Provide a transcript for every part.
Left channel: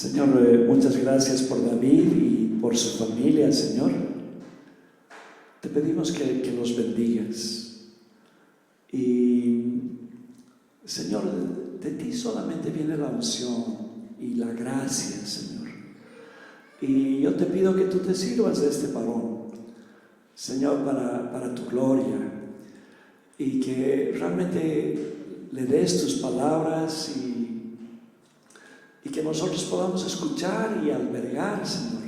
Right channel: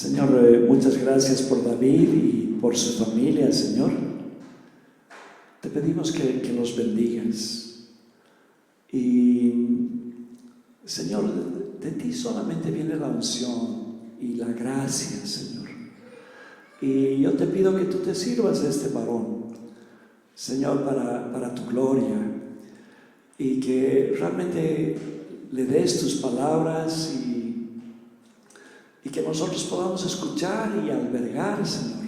Señor, muchas gracias por David y por su familia, Señor. Te pedimos que los bendigas. Y, Señor, de ti solamente viene la unción y la gracia, Señor. Y yo te pido que tú te sirvas de este varón, Señor, para tu gloria. Y que realmente le des tus palabras y que nosotros podamos escuchar y albergar, Señor,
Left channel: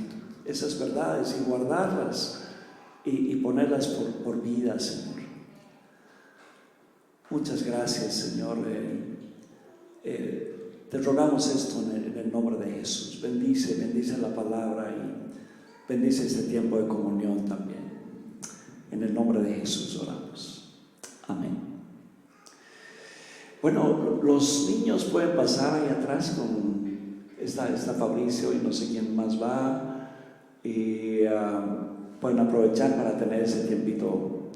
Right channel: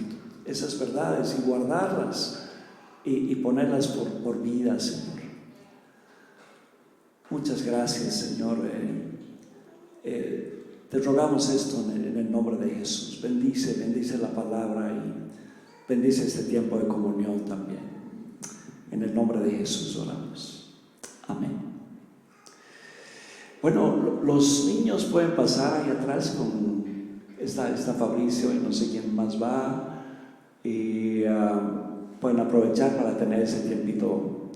esas verdades y guardarlas y ponerlas por vida, Señor. Muchas gracias, Señor. Te rogamos esto en el nombre de Jesús. Bendice la palabra y bendice este tiempo de comunión también. En el nombre de Jesús oramos. Amén. Bueno, los niños pueden pasar ahí atrás está Fabricio y no sé quién más va, y pueden aprovechar para tener ese tiempito.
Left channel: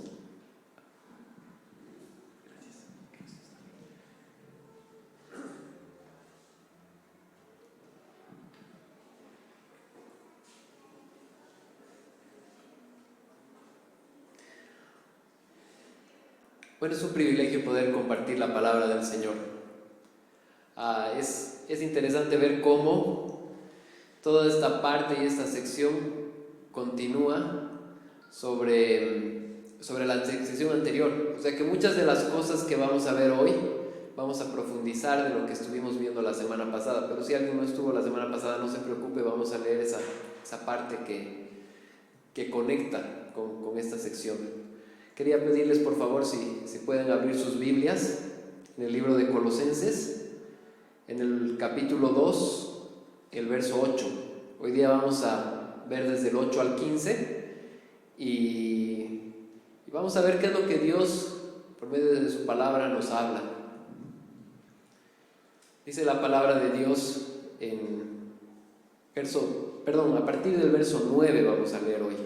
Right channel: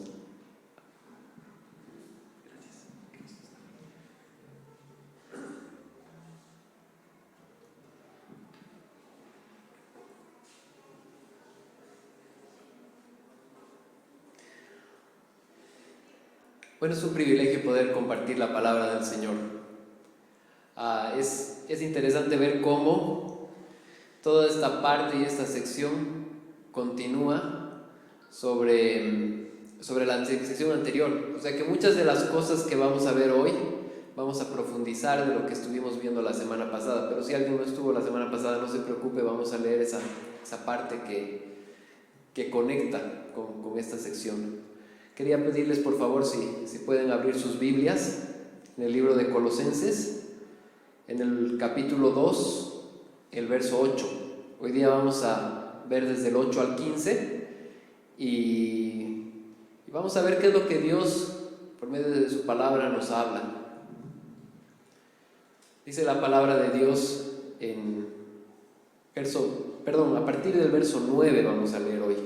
Bueno, es un privilegio poder compartir la palabra del Señor. Es interesante ver cómo toda esta parte y esta sección continúa sobre la sección anterior. O sea que muchas de las cosas que vamos a ver hoy, vamos a profundizar de lo que estuvimos viendo la semana pasada. Pero si alguien no estuvo la semana pasada, no se preocupe, vamos a leer esa parte que conecta con esta sección. Quería pedirles por favor si pueden abrir sus Biblias en el libro de Colosenses, en el capítulo 2, el verso 8. Hoy día vamos a ver desde el 8 al 15 y vamos a ver qué es lo que Dios, por medio de su palabra, nos habla. Dice la palabra de Dios a partir del verso 9 vamos a leer hoy.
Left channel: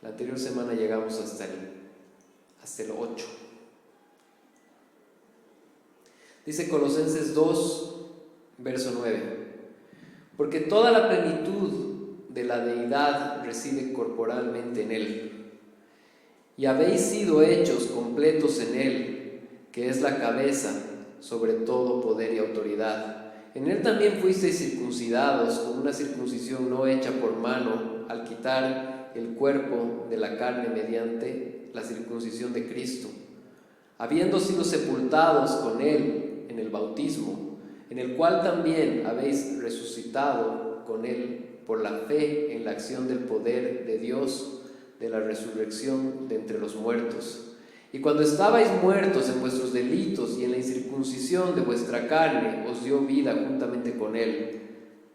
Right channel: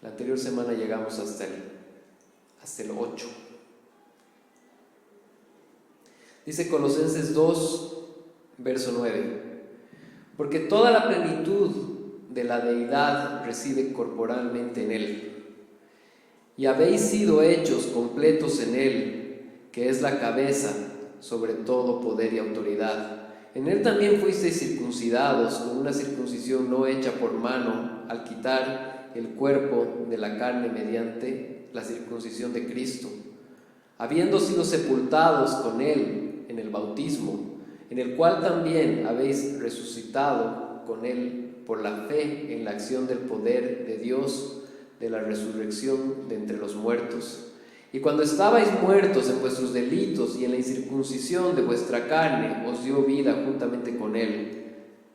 La anterior semana llegamos hasta el 8. Dice Colosenses 2, verso 9: porque toda la plenitud de la deidad reside corporalmente en Él, y habéis sido hechos completos en Él, que es la cabeza sobre todo poder y autoridad. En Él también fuisteis circuncidados con una circuncisión no hecha por mano, al quitar el cuerpo de la carne mediante la circuncisión de Cristo, habiendo sido sepultados con Él en el bautismo, en el cual también habéis resucitado con Él por la fe en la acción del poder de Dios, de la resurrección de entre los muertos. Y cuando estabais muertos en vuestros delitos y en la incircuncisión de vuestra carne, os dio vida juntamente con Él,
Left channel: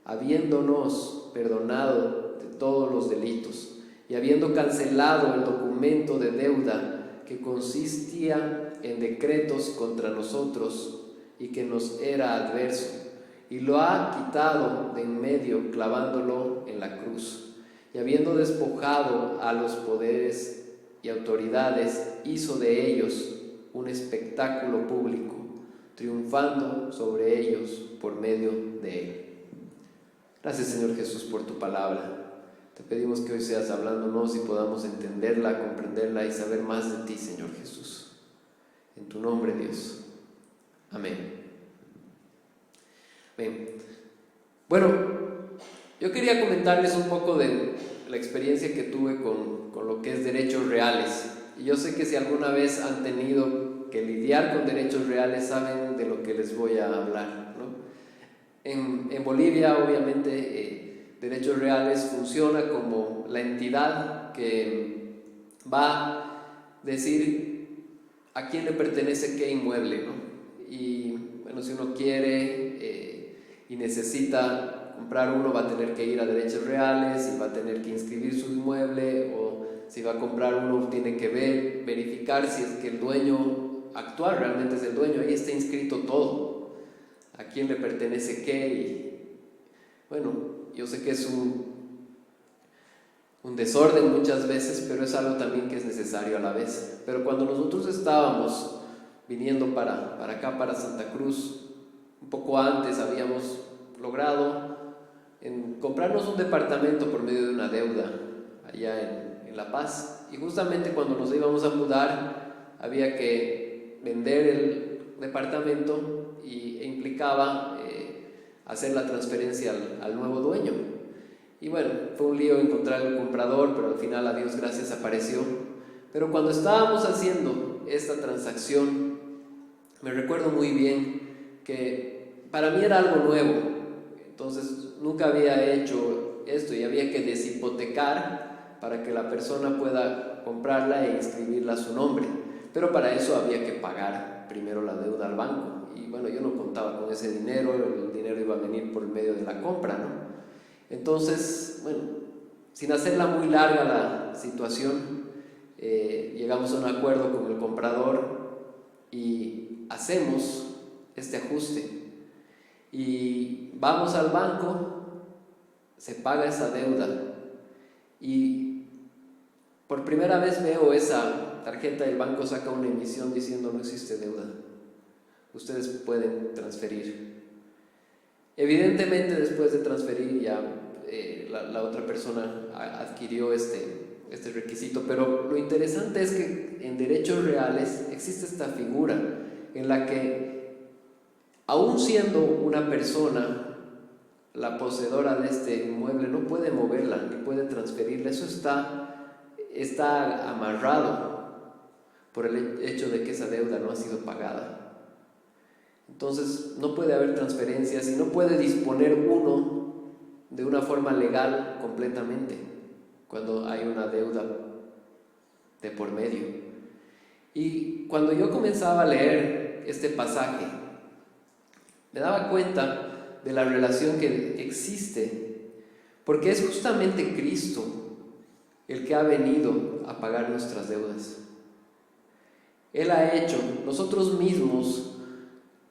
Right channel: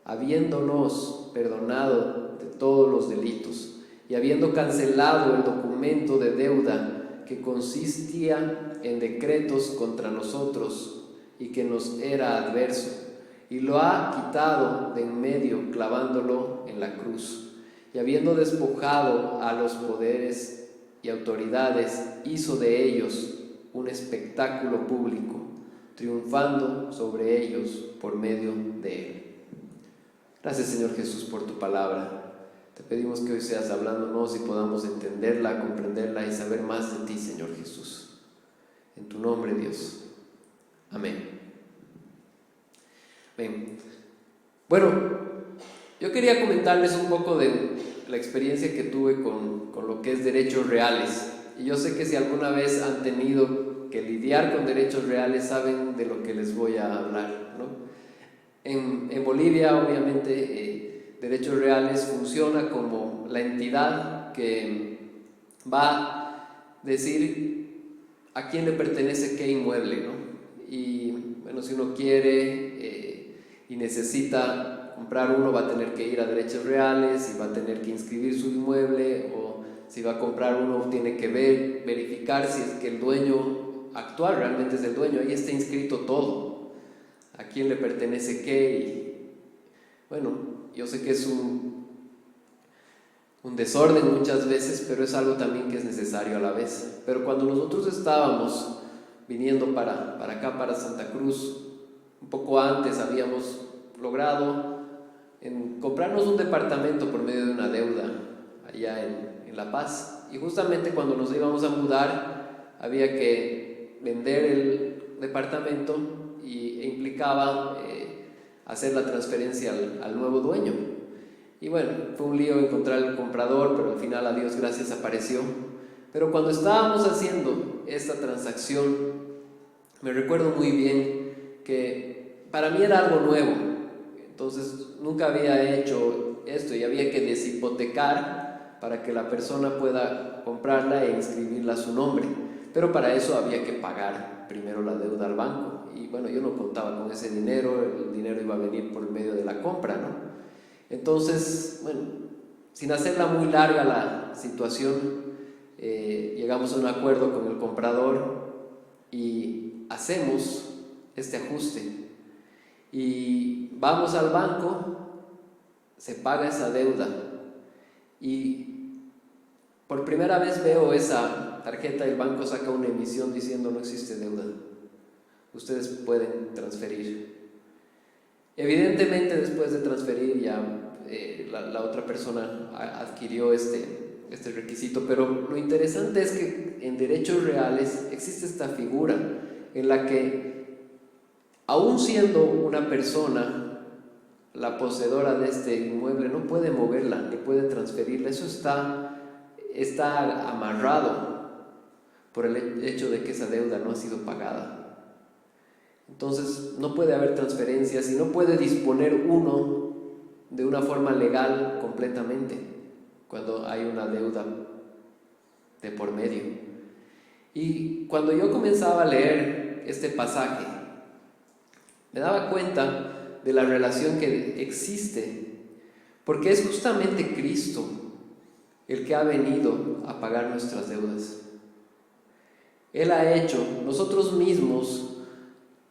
habiéndonos perdonado de todos los delitos, y habiendo cancelado el documento de deuda que consistía en decretos contra nosotros y que nos era adverso, y lo ha quitado de en medio, clavándolo en la cruz. Y habiendo despojado a los poderes y autoridades, hizo de ellos un espectáculo público, triunfando sobre ellos por medio de Él. Gracias, Señor Jesús, por tu palabra. Te pedimos que hoy seas hablándonos y podamos entenderla, comprenderla y saber más de ti, Señor Jesús. En tu nombre, Dios. Amén. Bien. Bueno, yo quería comentarles un poco de la experiencia que tuve con lo que es derechos reales. Y yo sé que si alguna vez han tenido que lidiar con derechos reales, saben de lo que les voy a hablar, ¿no? En Bolivia, obviamente, Derechos Reales funciona como la entidad que va a decir a quién le pertenece qué inmueble, ¿no? Y bueno, si uno quiere y necesita comprar uno, va a tener que ir a Derechos Reales y va a tener que inscribir su inmueble, o si va a comprar uno tiene que verificar si es que el dueño actual realmente es el dueño. Ahí está inscrito todo, a quién le pertenece qué. Y bueno, yo sé que es un desorden muchas veces, pero es algo también que es necesario a la vez. Pero cuando nosotros estábamos viniendo para acá, para Santa Cruz, un poco antes habíamos logrado en comprarnos un departamento por medio de una deuda allá en La Paz. Y justamente cuando nos íbamos a mudar había que vender el departamento e implicaba hacer la transferencia al nuevo dueño. Y bueno, fue un lío encontrar el comprador, pero al final, a Dios gracias, apareció. Pero cuando estábamos haciendo esta transacción, me recuerdo muy bien que para mí era algo nuevo. Entonces nunca había hecho esto y había que deshipotecar para que la persona pueda comprarla e inscribirla a su nombre. Pero para eso había que pagar primero la deuda al banco. Y bueno, yo no contaba con ese dinero, el dinero iba a venir por medio de la compra, ¿no? Entonces, bueno, sin hacerla muy larga la situación, llegamos a un acuerdo con el comprador y hacemos este ajuste. Y vamos al banco, se paga esa deuda y por primera vez veo esa tarjeta y el banco saca una emisión diciendo: no existe deuda, ustedes pueden transferir. Evidentemente, después de transferir ya la otra persona adquirió este requisito, pero lo interesante es que en derechos reales existe esta figura en la que, aún siendo una persona la poseedora de este inmueble, no puede moverla ni puede transferirla. Eso está amarrado por el hecho de que esa deuda no ha sido pagada. Entonces no puede haber transferencias y no puede disponer uno de una forma legal completamente cuando hay una deuda de por medio. Y cuando yo comenzaba a leer este pasaje, me daba cuenta de la relación que existe, porque es justamente Cristo el que ha venido a pagar nuestras deudas. Él ha hecho, nosotros mismos,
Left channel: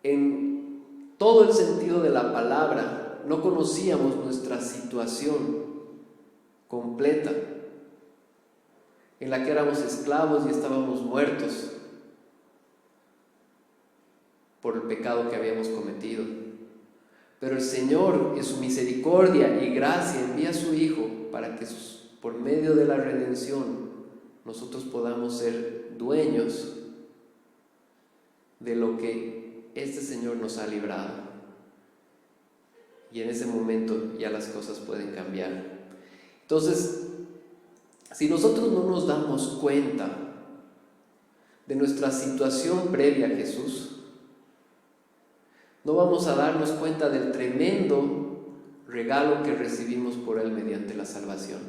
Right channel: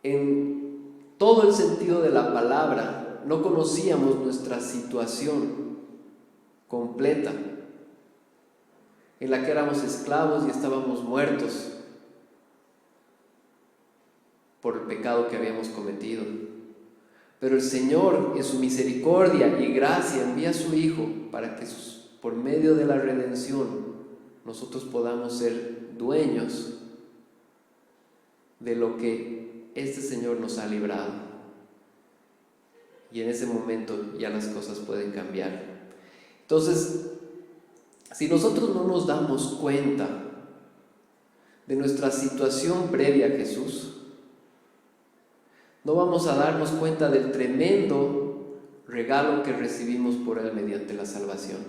en todo el sentido de la palabra, no conocíamos nuestra situación completa, en la que éramos esclavos y estábamos muertos por el pecado que habíamos cometido. Pero el Señor, en su misericordia y gracia, envía a su Hijo para que por medio de la redención nosotros podamos ser dueños de lo que este Señor nos ha librado. Y en ese momento ya las cosas pueden cambiar. Entonces, si nosotros no nos damos cuenta de nuestra situación previa a Jesús, no vamos a darnos cuenta del tremendo regalo que recibimos por Él mediante la salvación.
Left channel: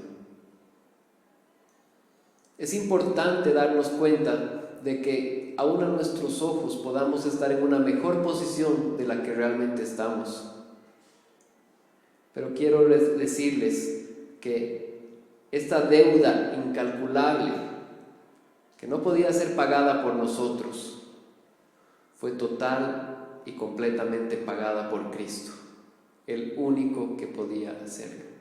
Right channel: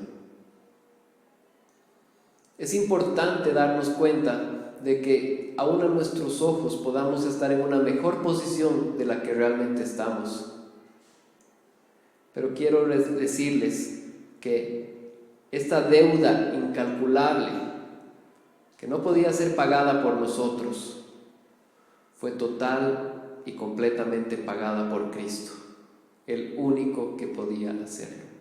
Es importante darnos cuenta de que aún a nuestros ojos podamos estar en una mejor posición de la que realmente estamos. Pero quiero decirles que esta deuda incalculable, que no podía ser pagada por nosotros, fue total y completamente pagada por Cristo, el único que podía hacerlo.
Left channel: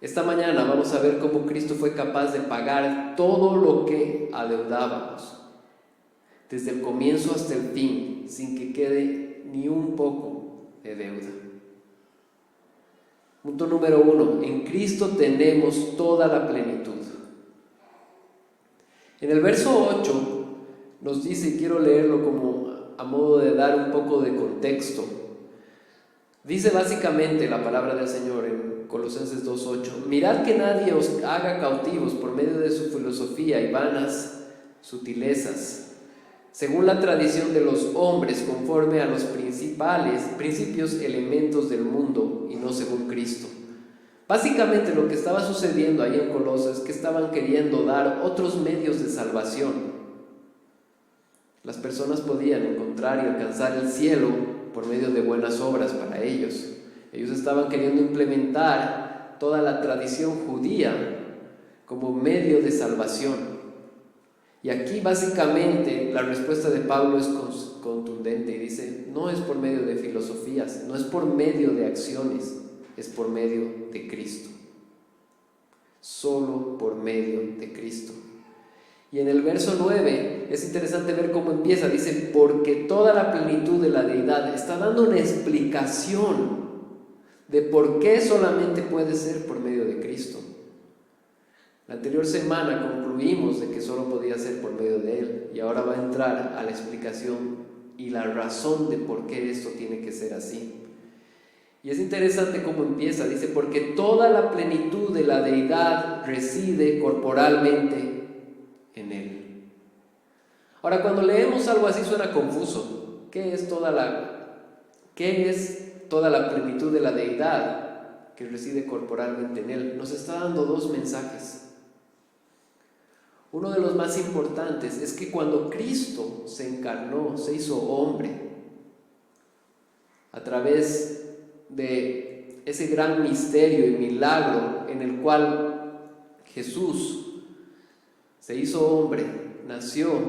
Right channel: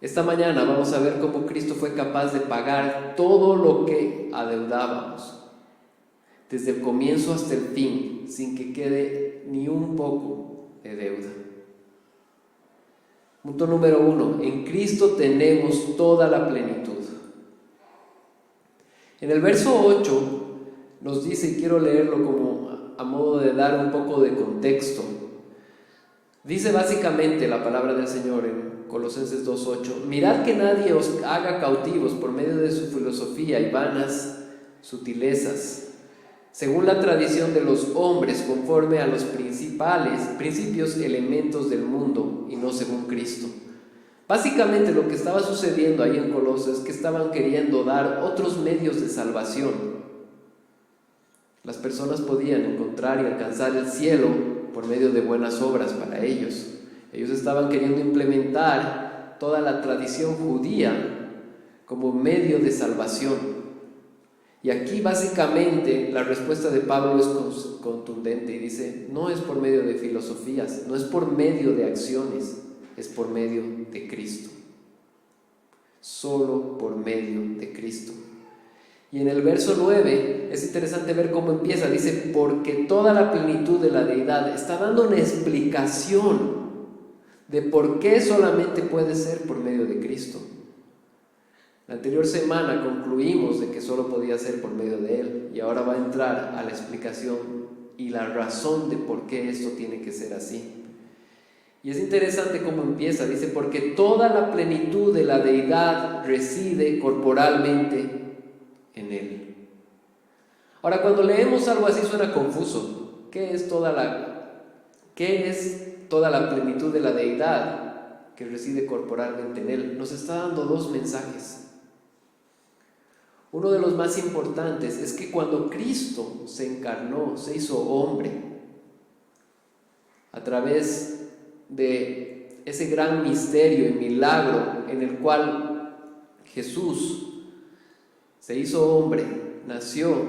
Esta mañana vamos a ver cómo Cristo fue capaz de pagar todo lo que adeudábamos, desde el comienzo hasta el fin, sin que quede ni un poco de deuda. Punto número 1, en Cristo tenemos toda la plenitud. En el verso 8 nos dice, y quiero leerlo como a modo de dar un poco de contexto, dice básicamente la palabra del Señor en Colosenses 2:8: mirad que nadie os haga cautivos por medio de su filosofía y vanas sutilezas, según la tradición de los hombres, conforme a los principios elementos del mundo y no según Cristo. Básicamente lo que estaba sucediendo ahí en Colosas es que estaban queriendo dar otros medios de salvación. Las personas podían encontrar y alcanzar el cielo por medio de buenas obras para ellos. Ellos estaban queriendo implementar toda la tradición judía como medio de salvación. Y aquí básicamente la respuesta de Pablo es contundente y dice: no es por medio de filosofías, no es por medio de acciones, es por medio de Cristo. Solo por medio de Cristo. Y en el verso 9 es interesante ver cómo empieza. Dice, porque toda la plenitud de la deidad. Está dando una explicación de por qué solamente puede ser por medio de Cristo. La anterior semana concluimos de que solo podía ser por medio de Él, y ahora va a entrar a la explicación y la razón de por qué esto tiene que ser así. Y es interesante cómo empieza. Dice, porque toda la plenitud de la deidad reside corporalmente en Él. Ahora, cuando leemos algo así suena confuso. ¿Qué es toda la plenitud de la deidad que reside corporalmente en Él? Nos está dando dos mensajes. Uno de los más importantes es que cuando Cristo se encarnó, se hizo hombre, a través de ese gran misterio y milagro en el cual Jesús se hizo hombre, nació,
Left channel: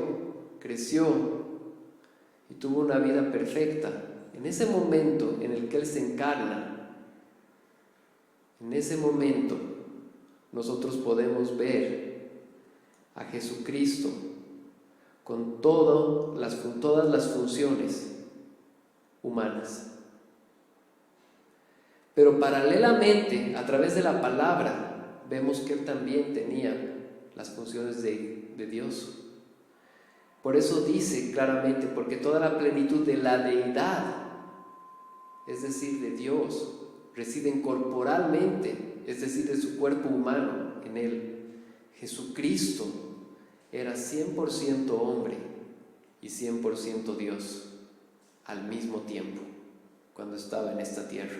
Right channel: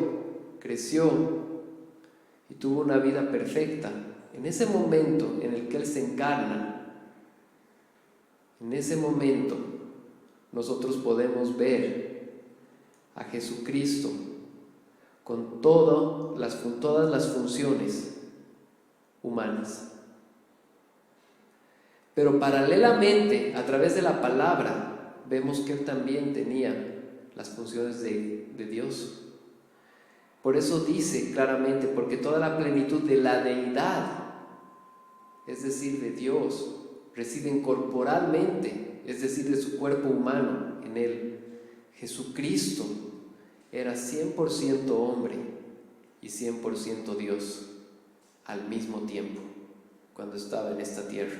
creció y tuvo una vida perfecta. En ese momento en el que Él se encarna, en ese momento nosotros podemos ver a Jesucristo con todas las funciones humanas. Pero paralelamente, a través de la palabra, vemos que Él también tenía las funciones de Dios. Por eso dice claramente, porque toda la plenitud de la deidad, es decir, de Dios, residen corporalmente, es decir, de su cuerpo humano en Él. Jesucristo era 100% hombre y 100% Dios al mismo tiempo, cuando estaba en esta tierra.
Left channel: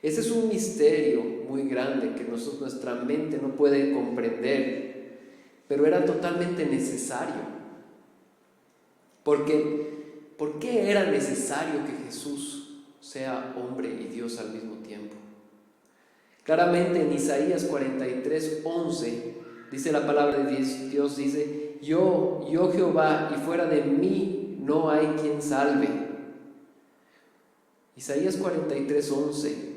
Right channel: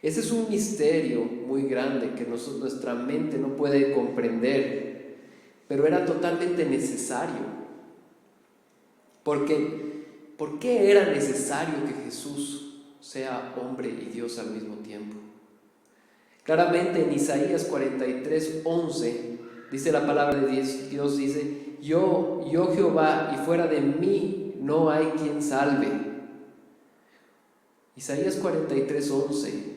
Ese es un misterio muy grande que nuestra mente no puede comprender, pero era totalmente necesario. ¿Por qué era necesario que Jesús sea hombre y Dios al mismo tiempo? Claramente en Isaías 43:11 dice la palabra de Dios, dice, yo Jehová, y fuera de mí no hay quien salve. Isaías 43:11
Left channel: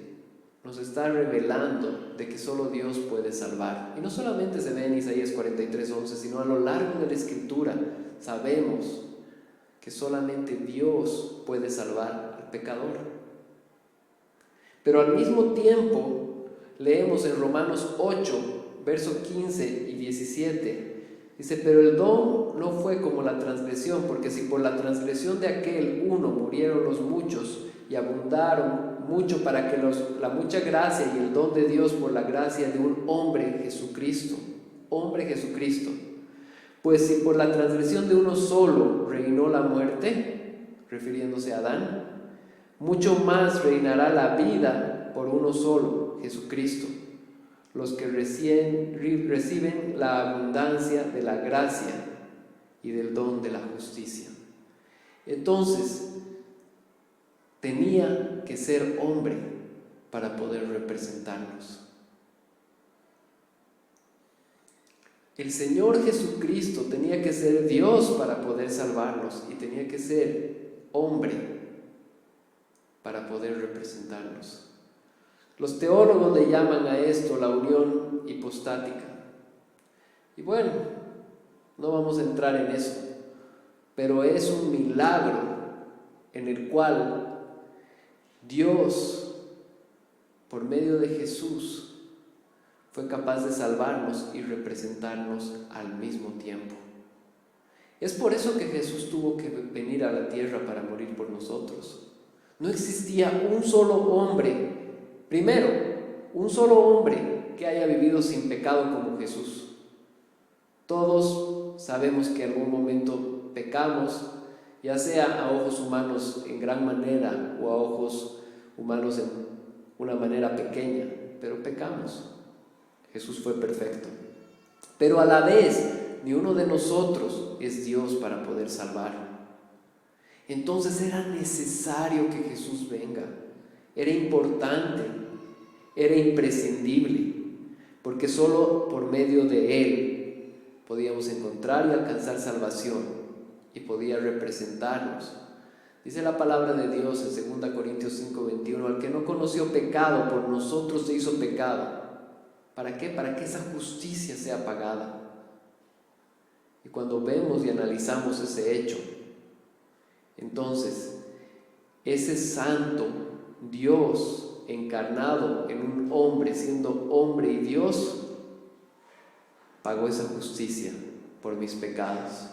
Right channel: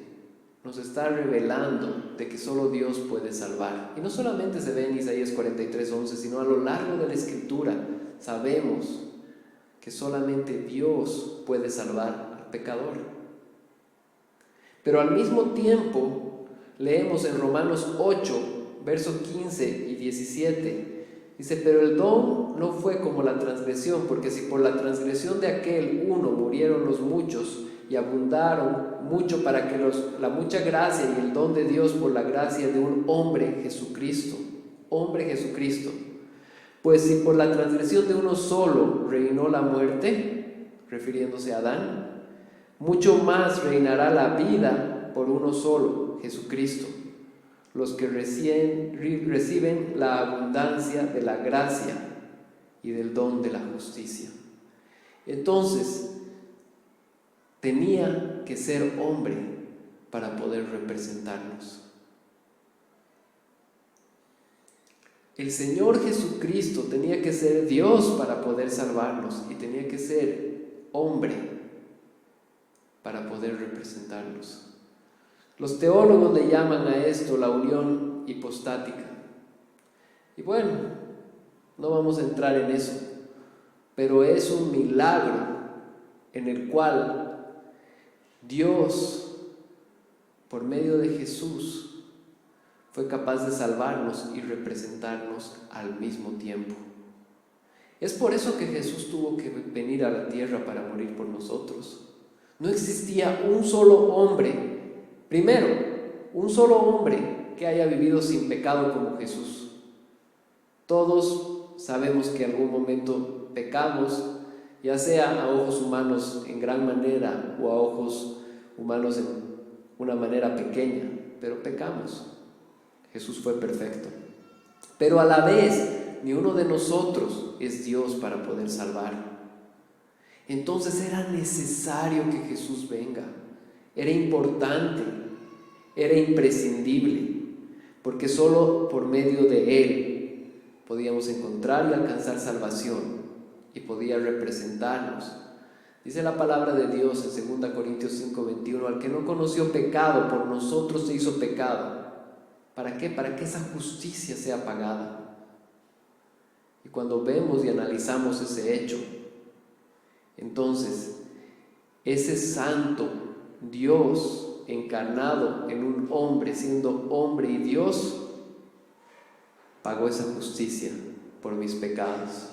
nos está revelando de que solo Dios puede salvar. Y no solamente se ve en Isaías 43:11, sino a lo largo de la Escritura sabemos que solamente Dios puede salvar al pecador. Pero al mismo tiempo leemos en Romanos 8, versos 15 y 17, dice, pero el don no fue como la transgresión, porque si por la transgresión de aquel uno murieron los muchos, y abundaron mucho para que la mucha gracia y el don de Dios por la gracia de un hombre Jesucristo, pues si por la transgresión de uno solo reinó la muerte, refiriéndose a Adán, mucho más reinará la vida por uno solo, Jesucristo, los que reciben la abundancia de la gracia y del don de la justicia. Entonces, tenía que ser hombre para poder representarnos. El Señor Jesucristo tenía que ser Dios para poder salvarnos y tenía que ser hombre para poder representarnos. Los teólogos le llaman a esto la unión hipostática. Y bueno, no vamos a entrar en eso, pero es un milagro en el cual Dios, por medio de Jesús, fue capaz de salvarnos y representarnos al mismo tiempo. Es por eso que Jesús tuvo que venir a la tierra para morir por nosotros. No existía un solo hombre, primero, un solo hombre que haya vivido sin pecado como Jesús. Todos sabemos que en algún momento pecamos, ya sea a ojos humanos en gran manera o a ojos humanos en una manera pequeña, pero pecamos. Jesús fue perfecto. Pero a la vez, ni uno de nosotros es Dios para poder salvar. Entonces era necesario que Jesús venga. Era importante, era imprescindible, porque solo por medio de Él podíamos encontrar y alcanzar salvación y podía representarnos. Dice la palabra de Dios en 2 Corintios 5:21, al que no conoció pecado, por nosotros se hizo pecado. ¿Para qué? Para que esa justicia sea pagada. Y cuando vemos y analizamos ese hecho, entonces ese santo Dios encarnado en un hombre, siendo hombre y Dios, pagó esa justicia por mis pecados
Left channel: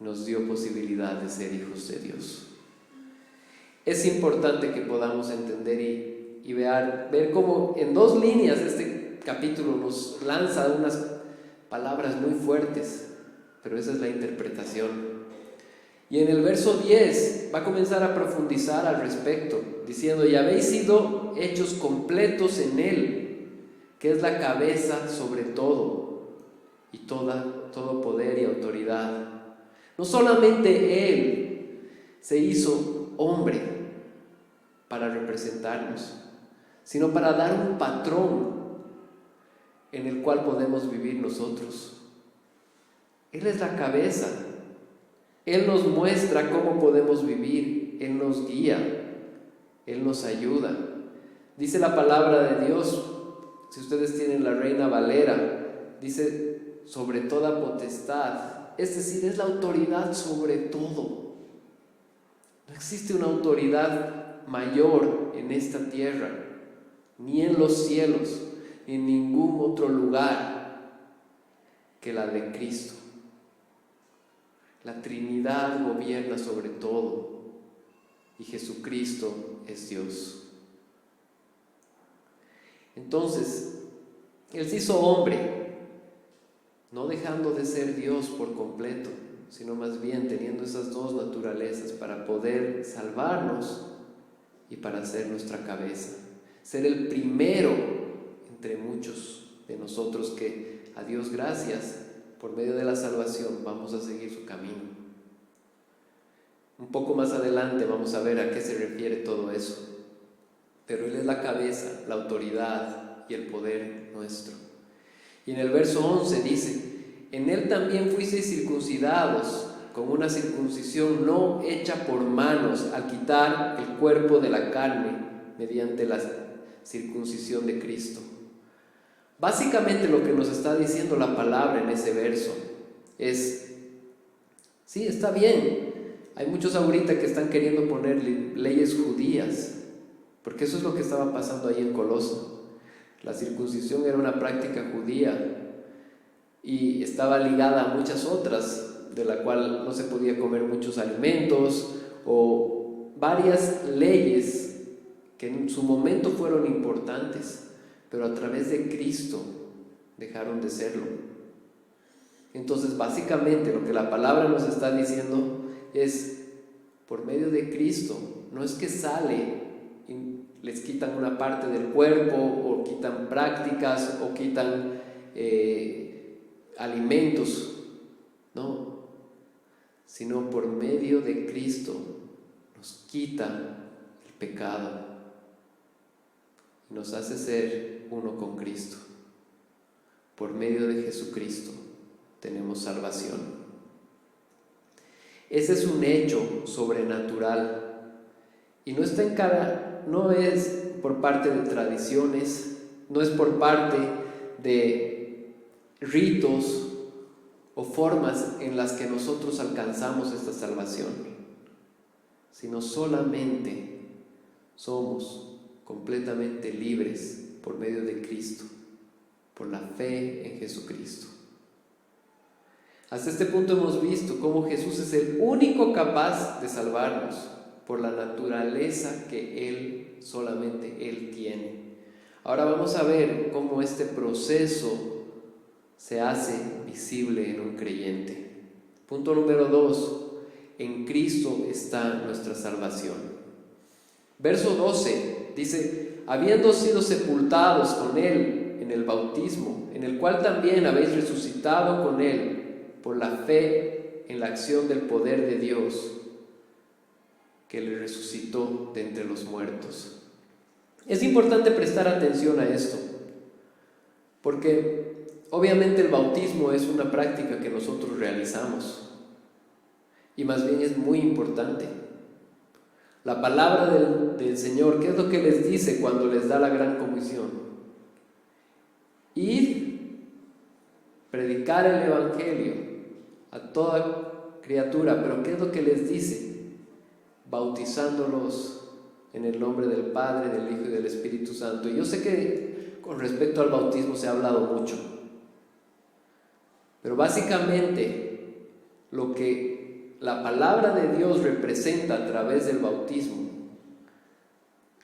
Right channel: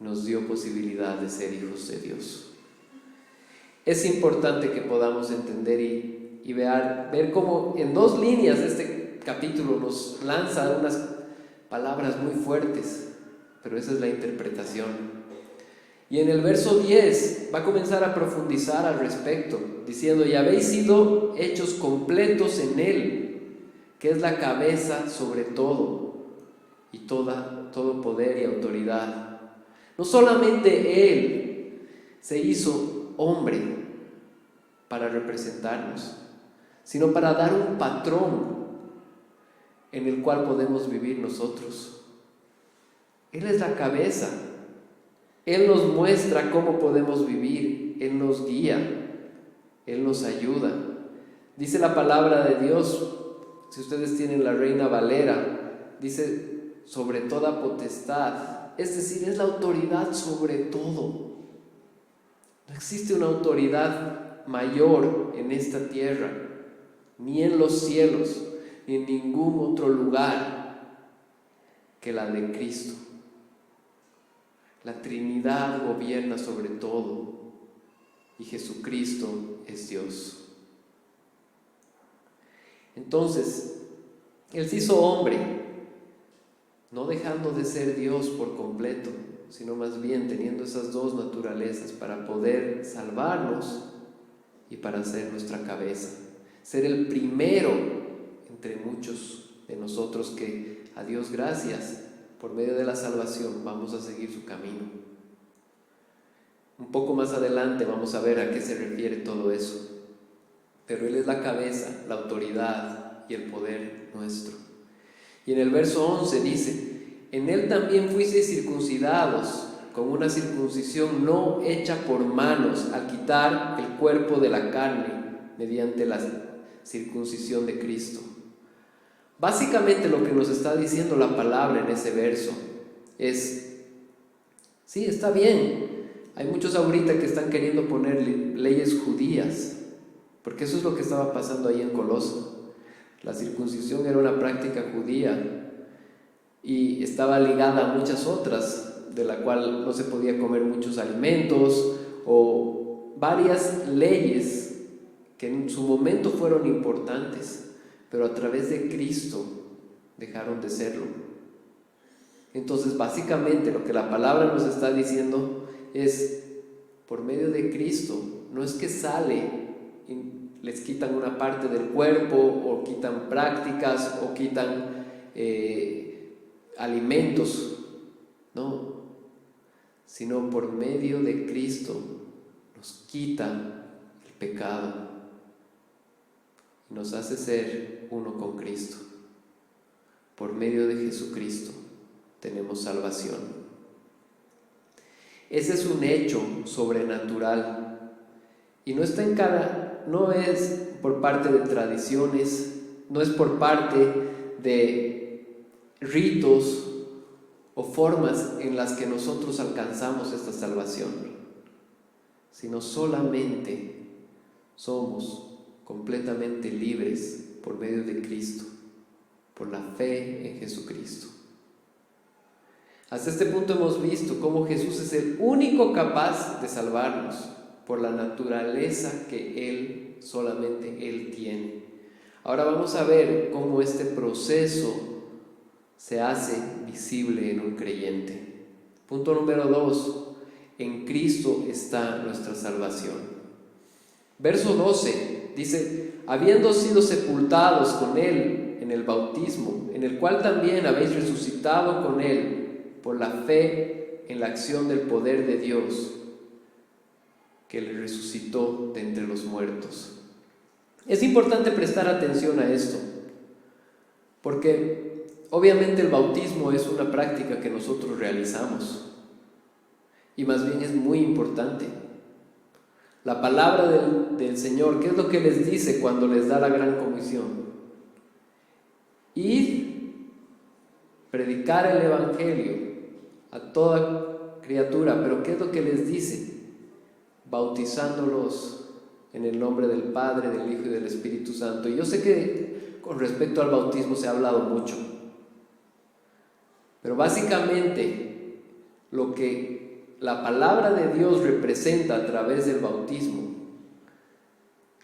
y nos dio posibilidad de ser hijos de Dios. Es importante que podamos entender y ver cómo en 2 líneas de este capítulo nos lanza unas palabras muy fuertes, pero esa es la interpretación. Y en el verso 10 va a comenzar a profundizar al respecto, diciendo: y habéis sido hechos completos en Él, que es la cabeza sobre todo, y todo poder y autoridad. No solamente Él se hizo hombre para representarnos, sino para dar un patrón en el cual podemos vivir nosotros. Él es la cabeza. Él nos muestra cómo podemos vivir, Él nos guía, Él nos ayuda. Dice la palabra de Dios, si ustedes tienen la Reina Valera, dice: sobre toda potestad, es decir, es la autoridad sobre todo. No existe una autoridad mayor en esta tierra, ni en los cielos, ni en ningún otro lugar que la de Cristo. La Trinidad gobierna sobre todo y Jesucristo es Dios. Entonces, Él se hizo hombre, no dejando de ser Dios por completo, sino más bien teniendo esas 2 naturalezas para poder salvarnos y para ser nuestra cabeza, ser el primero entre muchos de nosotros que, a Dios gracias, por medio de la salvación vamos a seguir su camino. Un poco más adelante vamos a ver a qué se refiere todo eso. Pero Él es la cabeza, la autoridad y el poder nuestro. Y en el verso 11 dice: en Él también fuisteis circuncidados con una circuncisión no hecha por manos, al quitar el cuerpo de la carne mediante la circuncisión de Cristo. Básicamente lo que nos está diciendo la palabra en ese verso es: sí, está bien, hay muchos ahorita que están queriendo poner leyes judías, porque eso es lo que estaba pasando ahí en Coloso. La circuncisión era una práctica judía y estaba ligada a muchas otras, de la cual no se podía comer muchos alimentos, o varias leyes que en su momento fueron importantes, pero a través de Cristo dejaron de serlo. Entonces, básicamente lo que la palabra nos está diciendo es: por medio de Cristo, no es que sale y les quitan una parte del cuerpo, o quitan prácticas, o quitan alimentos, no, sino por medio de Cristo nos quita el pecado y nos hace ser uno con Cristo. Por medio de Jesucristo tenemos salvación. Ese es un hecho sobrenatural y no es por parte de tradiciones, no es por parte de ritos o formas en las que nosotros alcanzamos esta salvación, sino solamente somos completamente libres por medio de Cristo, por la fe en Jesucristo. Hasta este punto hemos visto cómo Jesús es el único capaz de salvarnos por la naturaleza que solamente Él tiene. Ahora vamos a ver cómo este proceso se hace visible en un creyente. Punto número 2. En Cristo está nuestra salvación. Verso 12 dice: habiendo sido sepultados con Él en el bautismo, en el cual también habéis resucitado con Él por la fe en la acción del poder de Dios, que le resucitó de entre los muertos. Es importante prestar atención a esto, porque obviamente el bautismo es una práctica que nosotros realizamos, y más bien es muy importante. La palabra del Señor, ¿qué es lo que les dice cuando les da la gran comisión? Id, predicar el Evangelio a toda criatura. Pero ¿qué es lo que les dice? Bautizándolos en el nombre del Padre, del Hijo y del Espíritu Santo. Y yo sé que con respecto al bautismo se ha hablado mucho, pero básicamente lo que la palabra de Dios representa a través del bautismo,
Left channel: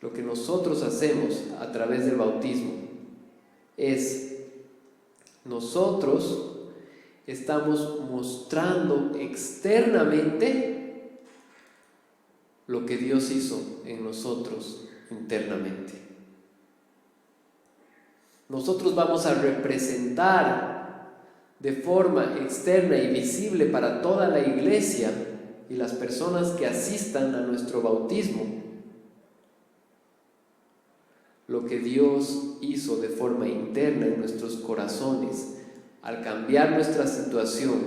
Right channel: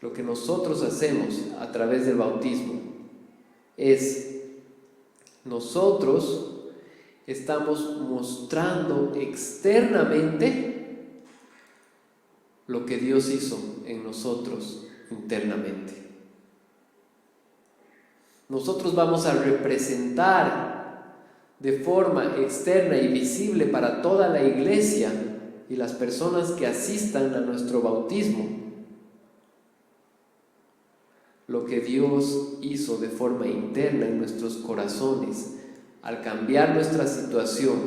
lo que nosotros hacemos a través del bautismo, es nosotros estamos mostrando externamente lo que Dios hizo en nosotros internamente. Nosotros vamos a representar de forma externa y visible para toda la iglesia y las personas que asistan a nuestro bautismo lo que Dios hizo de forma interna en nuestros corazones al cambiar nuestra situación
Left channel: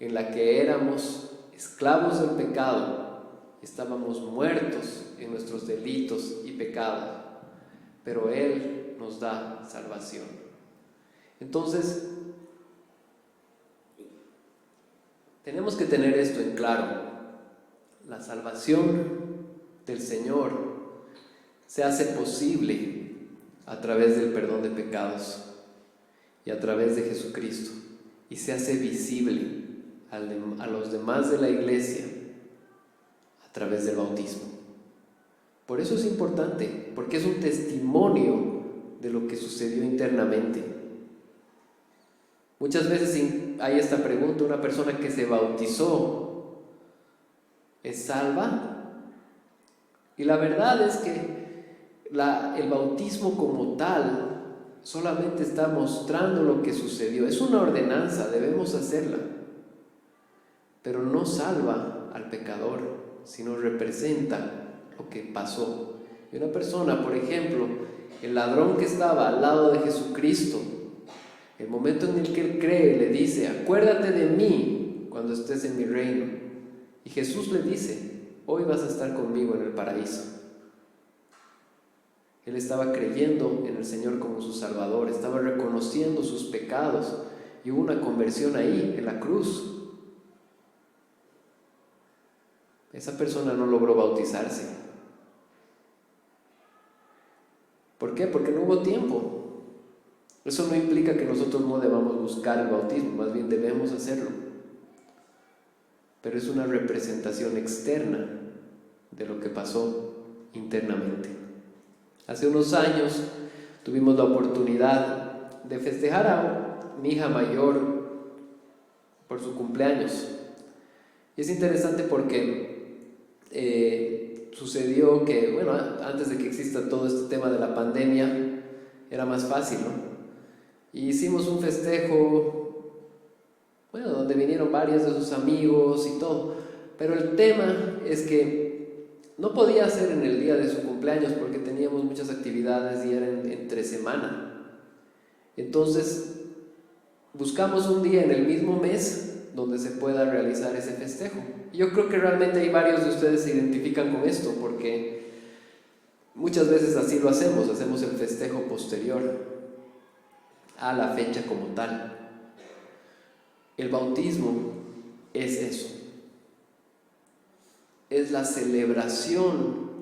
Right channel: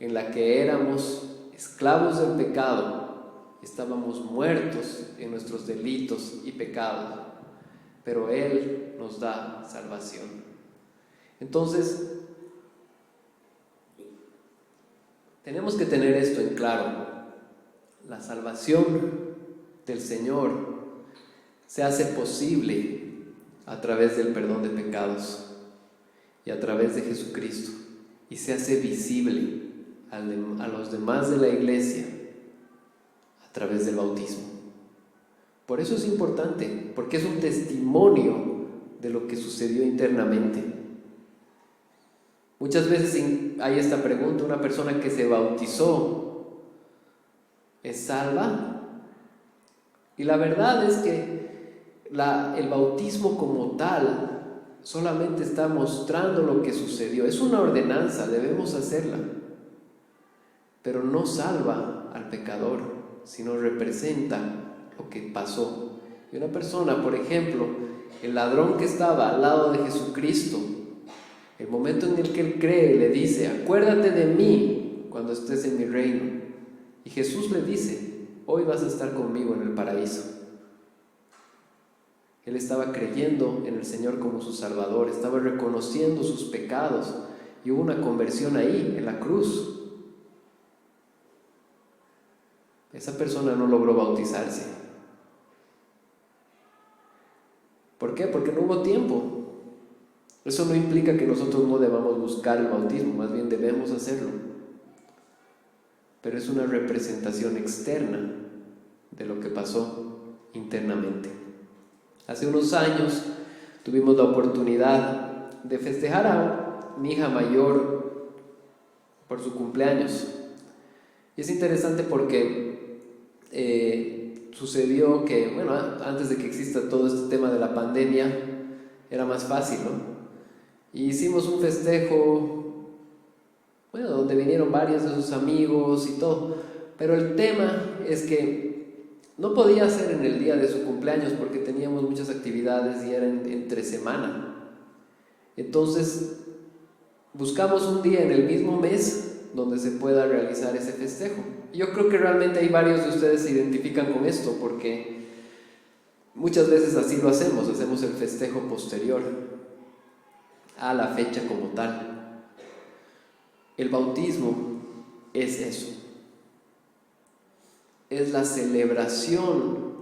en la que éramos esclavos del pecado. Estábamos muertos en nuestros delitos y pecados, pero Él nos da salvación. Entonces, tenemos que tener esto en claro. La salvación del Señor se hace posible a través del perdón de pecados y a través de Jesucristo, y se hace visible a los demás de la iglesia a través del bautismo. Por eso es importante, porque es un testimonio de lo que sucedió internamente. Muchas veces hay esta pregunta: ¿una persona que se bautizó es salva? Y la verdad es que el bautismo como tal solamente está mostrando lo que sucedió. Es una ordenanza, debemos hacerla, pero no salva al pecador, sino representa lo que pasó. Y una persona, por ejemplo, el ladrón que estaba al lado de Jesucristo, el momento en el que él cree, le dice: acuérdate de mí cuando estés en mi reino. Y Jesús le dice: hoy vas a estar conmigo en el paraíso. Él estaba creyendo en el Señor como su Salvador, estaba reconociendo sus pecados, y hubo una conversión ahí, en la cruz. Esa persona no logró bautizarse. ¿Por qué? Porque no hubo tiempo. Eso no implica que nosotros no debamos buscar el bautismo, más bien debemos hacerlo. Pero es una representación externa de lo que pasó internamente. Hace unos años tuvimos la oportunidad de festejar a mi hija mayor por su cumpleaños. Y es interesante porque sucedió que, bueno, antes de que exista todo este tema de la pandemia, era más fácil, ¿no? Y hicimos un festejo, bueno, donde vinieron varios de sus amigos y todo. Pero el tema es que no podía ser en el día de su cumpleaños porque teníamos muchas actividades y era entre semana. Entonces, buscamos un día en el mismo mes donde se pueda realizar ese festejo. Y yo creo que realmente hay varios de ustedes se identifican con esto, porque muchas veces así lo hacemos el festejo posterior a la fecha como tal. El bautismo es eso. Es la celebración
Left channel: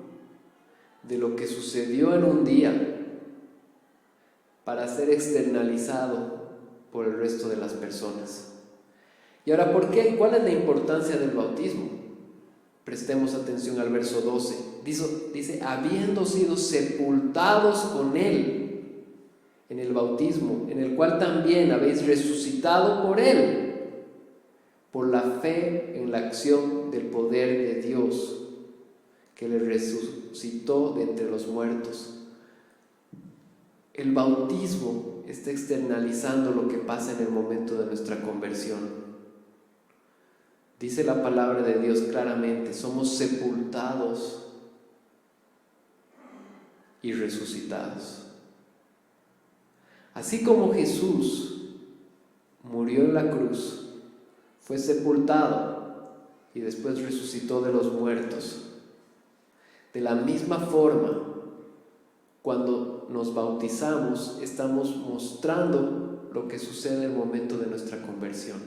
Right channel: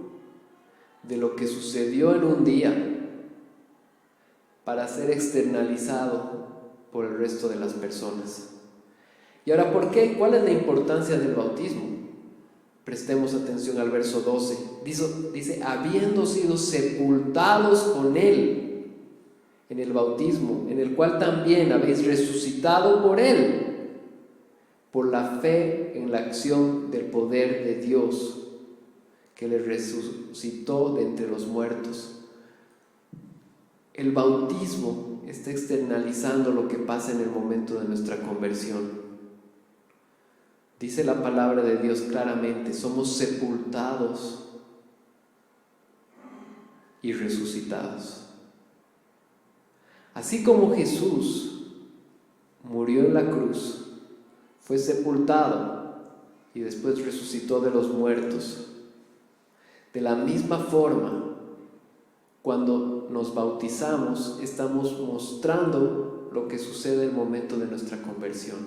de lo que sucedió en un día para ser externalizado por el resto de las personas. Y ahora, ¿por qué? ¿Cuál es la importancia del bautismo? Prestemos atención al verso 12. Dice, habiendo sido sepultados con Él en el bautismo, en el cual también habéis resucitado por Él, por la fe en la acción del poder de Dios, que le resucitó de entre los muertos. El bautismo está externalizando lo que pasa en el momento de nuestra conversión. Dice la palabra de Dios claramente: somos sepultados y resucitados. Así como Jesús murió en la cruz, fue sepultado y después resucitó de los muertos, de la misma forma, cuando nos bautizamos, estamos mostrando lo que sucede en el momento de nuestra conversión.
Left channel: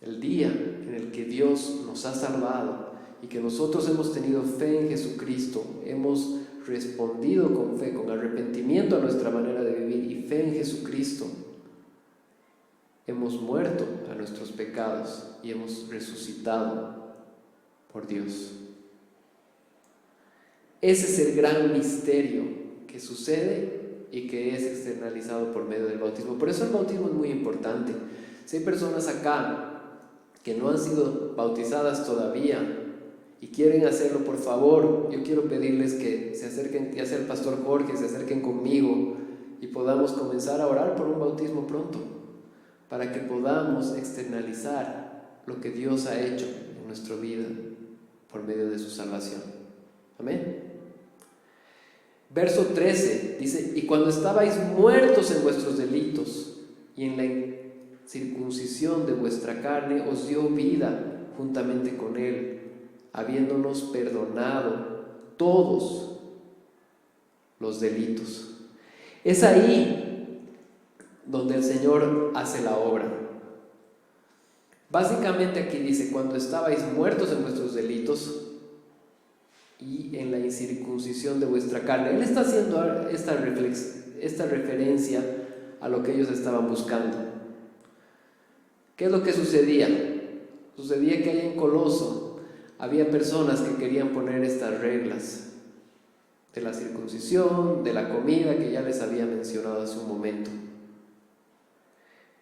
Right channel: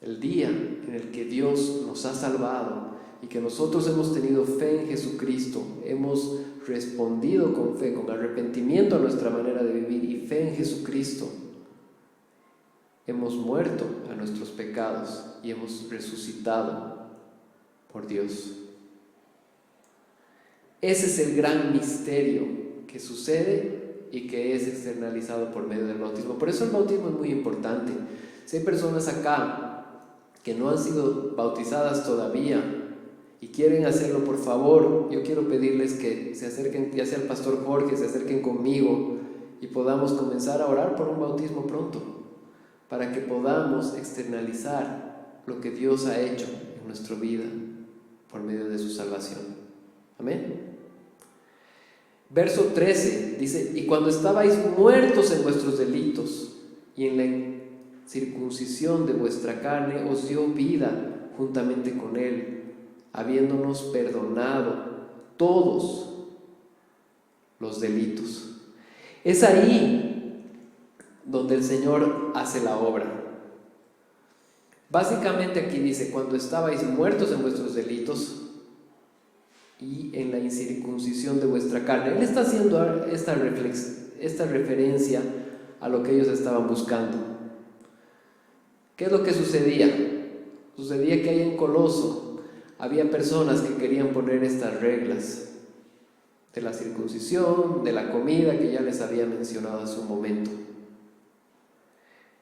El día en el que Dios nos ha salvado y que nosotros hemos tenido fe en Jesucristo, hemos respondido con fe, con arrepentimiento a nuestra manera de vivir y fe en Jesucristo, hemos muerto a nuestros pecados y hemos resucitado por Dios. Ese es el gran misterio que sucede y que es externalizado por medio del bautismo. Por eso el bautismo es muy importante. Si hay personas acá que no han sido bautizadas todavía y quieren hacerlo, por favor, yo quiero pedirles que se acerquen, ya sea el pastor Jorge, se acerquen conmigo y podamos comenzar a orar por un bautismo pronto, para que podamos externalizar lo que Dios ha hecho en nuestra vida por medio de su salvación. Amén. Verso 13 dice: y cuando estabais muertos en vuestros delitos y en la circuncisión de vuestra carne, os dio vida juntamente con Él, habiéndonos perdonado todos los delitos. Es ahí donde el Señor hace la obra. Básicamente aquí dice: cuando estabais muertos en vuestros delitos y en la incircuncisión de vuestra carne. Él está haciendo esta referencia a lo que ellos estaban buscando. ¿Qué es lo que sucedía? Sucedía que ahí en Coloso había personas que querían poner estas reglas de la circuncisión, de la comida, que ya les había mencionado hace un momento.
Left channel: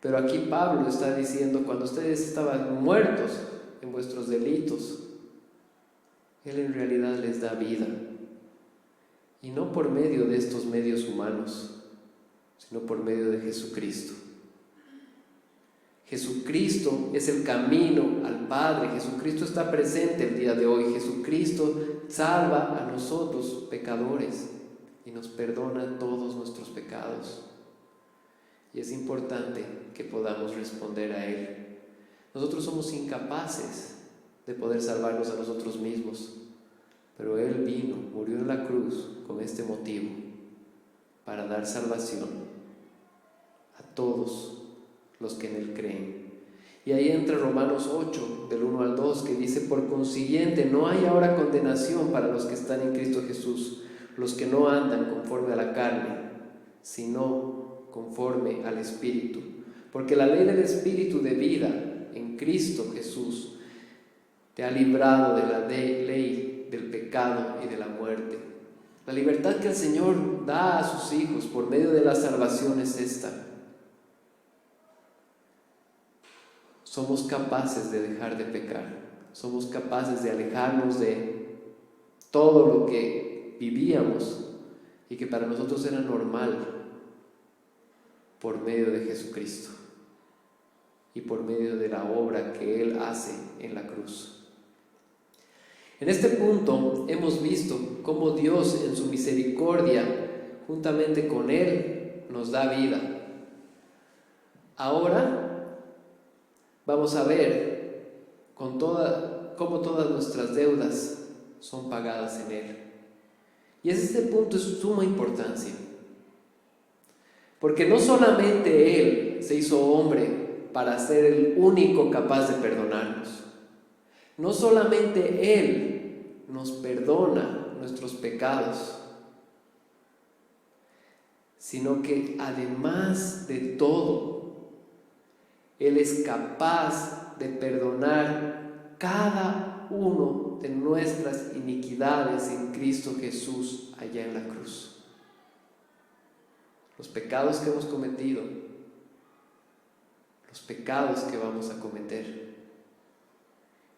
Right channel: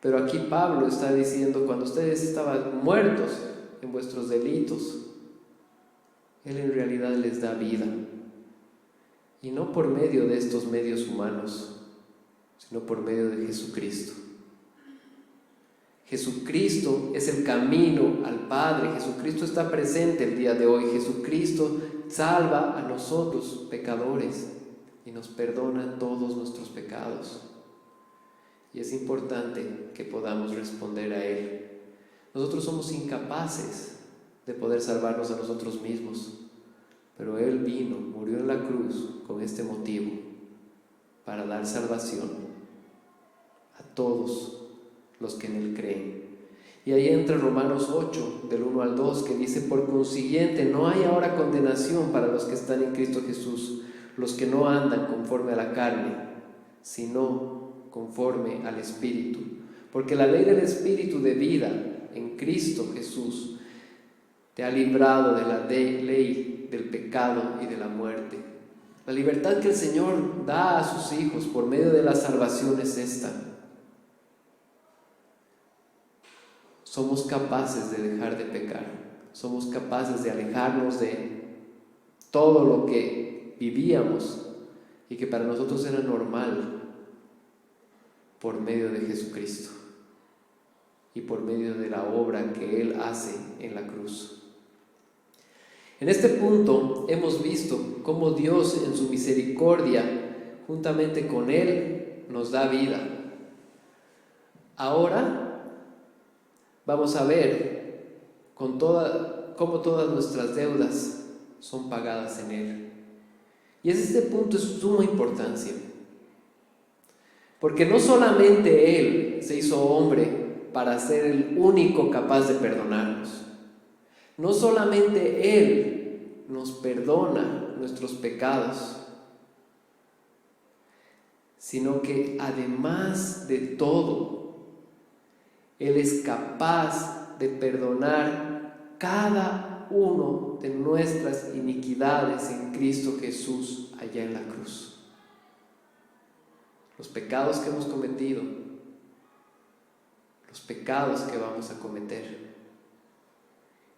Pero aquí Pablo está diciendo: cuando ustedes estaban muertos en vuestros delitos, Él en realidad les da vida, y no por medio de estos medios humanos, sino por medio de Jesucristo. Jesucristo es el camino al Padre. Jesucristo está presente el día de hoy. Jesucristo salva a nosotros pecadores y nos perdona todos nuestros pecados. Y es importante que podamos responder a Él. Nosotros somos incapaces de poder salvarnos a nosotros mismos, pero Él vino, murió en la cruz con este motivo, para dar salvación a todos los que en Él creen. Y ahí entra Romanos 8, del 1 al 2, que dice: por consiguiente, no hay ahora condenación para los que están en Cristo Jesús, los que no andan conforme a la carne, sino conforme al Espíritu. Porque la ley del Espíritu de vida en Cristo Jesús te ha librado de la ley del pecado y de la muerte. La libertad que el Señor da a sus hijos por medio de la salvación es esta. Somos capaces de dejar de pecar. Somos capaces de alejarnos de todo lo que vivíamos y que para nosotros era normal, por medio de Jesucristo y por medio de la obra que Él hace en la cruz. En este punto hemos visto cómo Dios en su misericordia, juntamente con Él, nos da vida. Ahora vamos a ver cómo todas nuestras deudas son pagadas en Él. Y este punto es de suma importancia, porque no solamente Él se hizo hombre para ser el único capaz de perdonarnos. No solamente Él nos perdona nuestros pecados, sino que además de todo, Él es capaz de perdonar cada uno de nuestras iniquidades en Cristo Jesús allá en la cruz. Los pecados que hemos cometido, los pecados que vamos a cometer,